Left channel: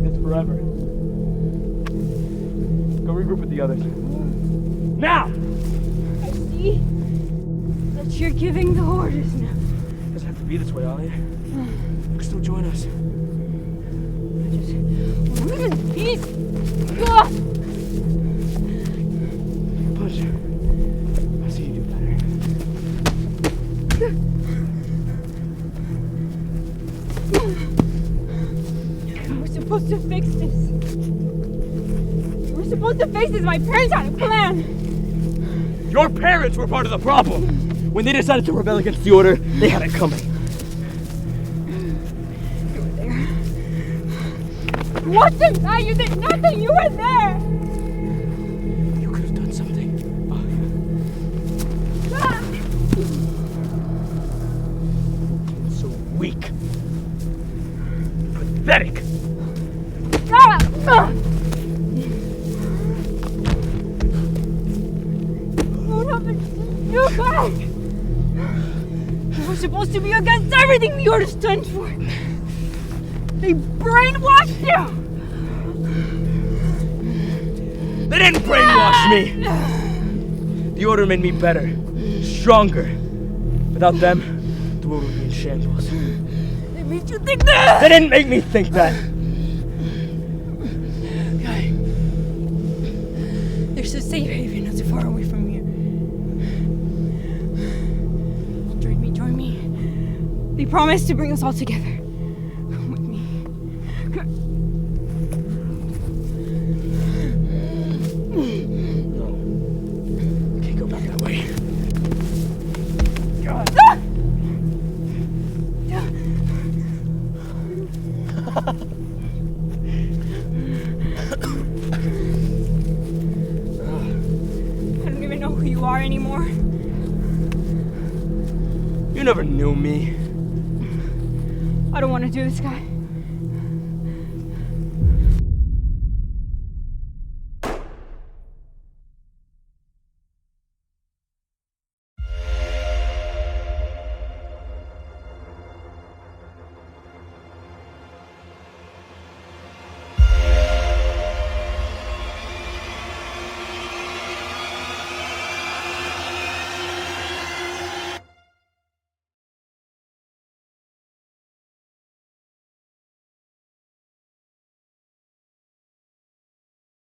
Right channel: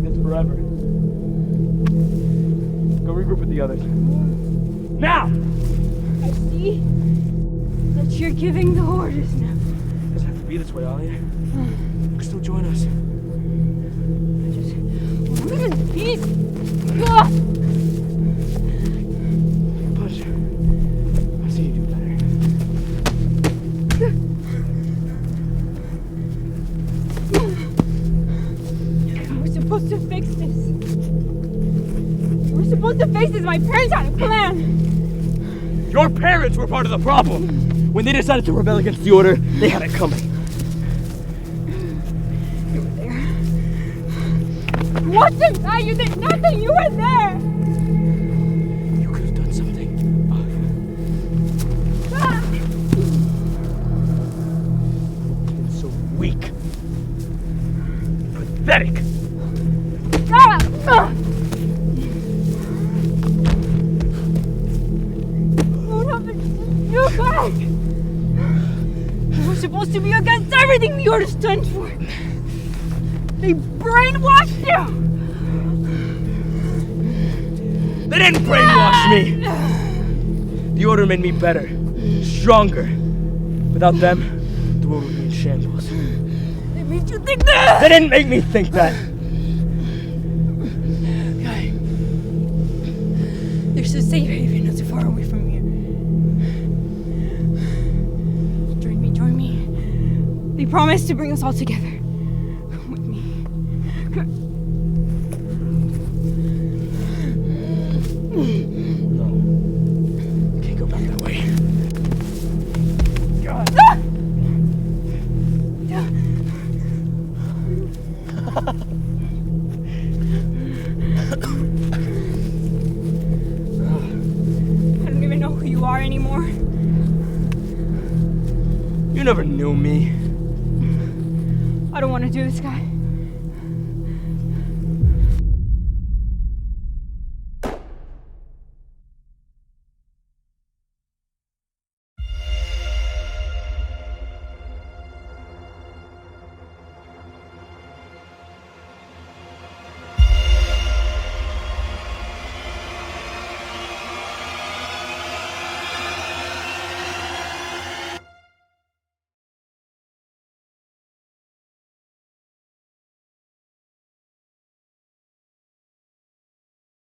like this forever. Go regroup with the others. Now! I see that you're giving the orders now. It doesn't have to be this way, Alia. You can still join us. I just leave in peace. Ugh. Push. I've seen you do better. We're supposed to fix this. We're supposed to fix this. My parents had a plan. Your parents were part of the problem. When they decided to rebel against the order, they had it coming. You were there. What's the matter? You did nothing. You were there. You could have done something. Ah! You've been so weak. Pathetic. Ah! Ah! What happened? You back. You were supposed to be against everything the order stands for. They brainwashed you. They didn't brainwash me. The order made me better, stronger. Without them, the world would be in shambles. They made you think that. They didn't make me think that. Guy, there's a safe haven not too far away from here. Join me. They promised to bring us all together. Come with me. No. Can't go back that way. God. I don't even know who you are anymore. You never knew me. I don't want to do this, guy.